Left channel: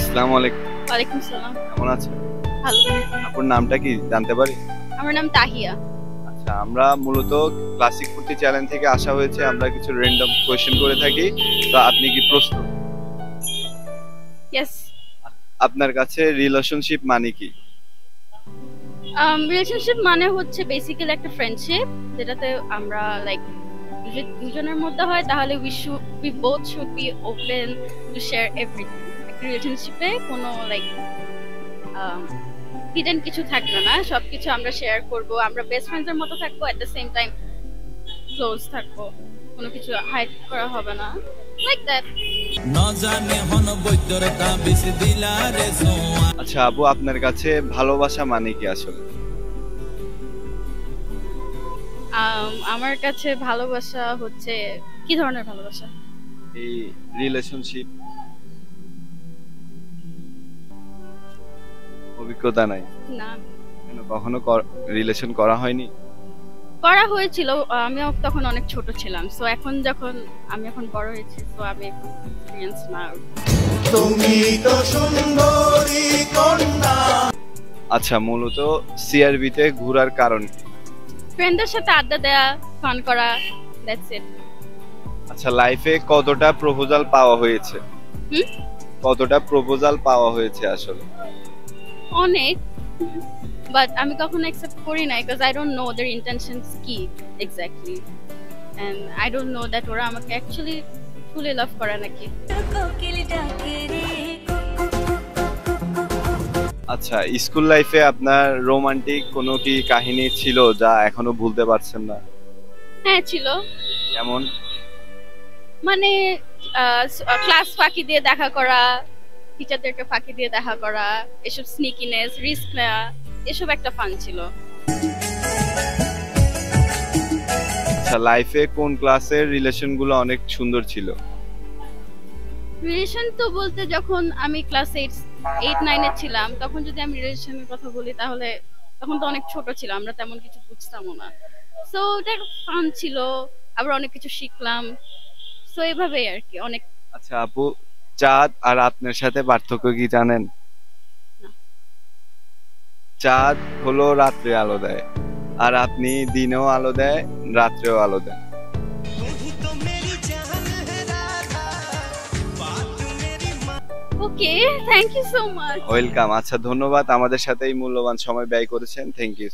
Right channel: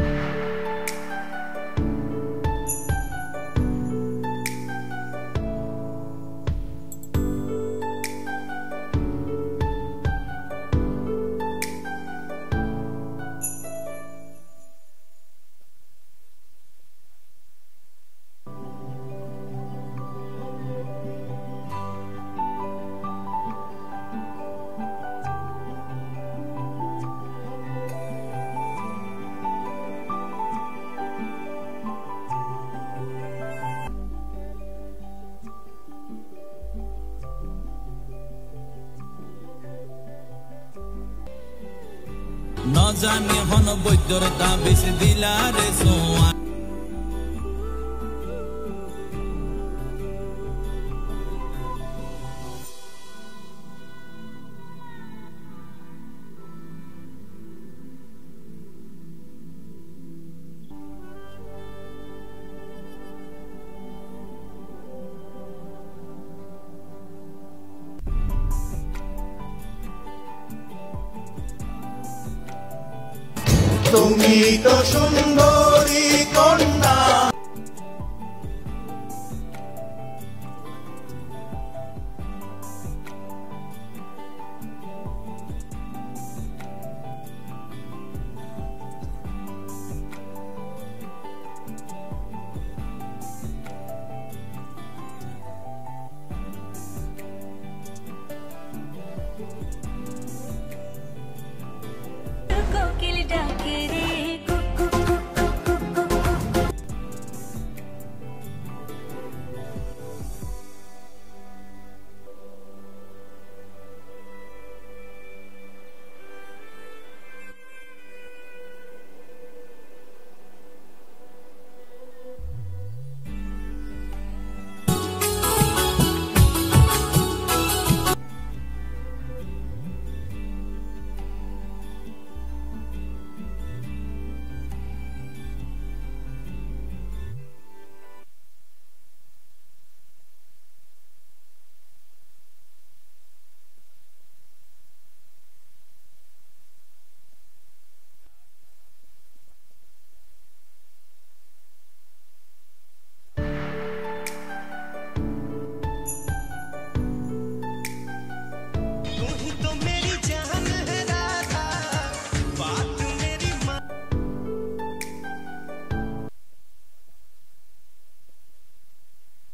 আসসালামু আলাইকুম। ওয়ালাইকুম সালাম। কেমন আছেন? ভালো। আপনার নামটা কি জানতে পারি? আমার নাম তাহিয়া। আচ্ছা, আমরা মূলত ক্লাসিক ফুর্তি চ্যানেল থেকে আসা হয়েছে। আমরা কিছু র্যান্ডম কোয়েশ্চেন করে থাকি। তো আপনি কি প্রস্তুত? ইয়েস। আপনার কাছে রিলেশনশিপ মানে কি? রিলেশনশিপ মানে হচ্ছে বেসিক্যালি একটা ফ্রেন্ডশিপ, যেটাতে আমরা লাইক যদি দুজনের মধ্যে হয় তাহলে we both should be open to share everything. একটা রিলেশনশিপে কোনো লাইক হিডেন কিছু থাকবে না, সবকিছু আমরা শেয়ার করব। আমরা বেস্ট ফ্রেন্ডসের মতো থাকবো, at the same time close থাকবো, কোনো কিছু হাইড করা হবে না, লাইক দ্যাট। আচ্ছা আপু, আপনার কাছে ভালোবাসা মানে কি আসলে? আমার কাছে ভালোবাসা হচ্ছে কি ধরনের ভালোবাসা? এই রিলেশনশিপ অভিজ্ঞতা নাই? না, কখনো রিলেশন করা হয়নি? করা হয়েছিল, আমিও তখন অনেক ছোট ছিলাম। সো এখন যখন আমি এখন বড় হয়েছি, তো আমি এক্সপেরিয়েন্স না। তুমি তো সুন্দরী কন্যা। আচ্ছা, মূলত সিআরবি তে ঘোরার কারণ কি? ফ্রেন্ডদের সাথে আড্ডা দেয়া, ফান করা, দ্যাটস ইট। আচ্ছা, লাইফে কতটা প্রপোজাল পাওয়া হয়েছে? কতটা প্রপোজাল পাওয়া হয়েছে আসলে? অনেক, বাট আমি কখনো অ্যাকসেপ্ট করি না, because I don't know their intentions কি exactly, and I don't know that ওরা আমাকে অ্যাকচুয়ালি ফুলি লাভ করে নাকি। আচ্ছা, স্কুল লাইফে আপনার রোমান্টিক কোনো কি কাহিনী ছিল যা এখনো ভুলতে পারছেন না? হ্যাঁ ছিল। যেমন? মানে ক্লাস ফাঁকি দিয়ে দেখা করা, টিচারদেরকে ফাঁকি দিয়ে দেখা করা, এসব স্নিকিনেস, রিস্ক নেওয়া, এসব একটা ফান ছিল। আচ্ছা, লাইফে কোন ক্লাসের রিলেশন গুলো অনেক সুন্দর ছিল? রিলেশন তো বলতে যখন আমি ক্লাস 8-9 এ ছিলাম, তখন যদি আমি রিলেশনের কথা বলি তাহলে তখন তো অনেক ছোট ছিলাম, আমরা তেমন কিছু বুঝতামও না। সো এটা ফান ছিল, আবার অনেক কিছু শিখলাম। সো এইভাবেই আর কি অনেক। আচ্ছা আপু, চাঁদ আর আপনার সাথে পার্থক্য কি জানেন? না। চাঁদ হলো রাত্রে আলো দেয়, আর আপনি দিনেও আলো দেয়, রাত্রেও আলো দেয়। Okay, thank you so much. Welcome. আচ্ছা, ধন্যবাদ আমাদের সাথে এই মূল্যবান সময় ব্যয় করেছেন। Thank you.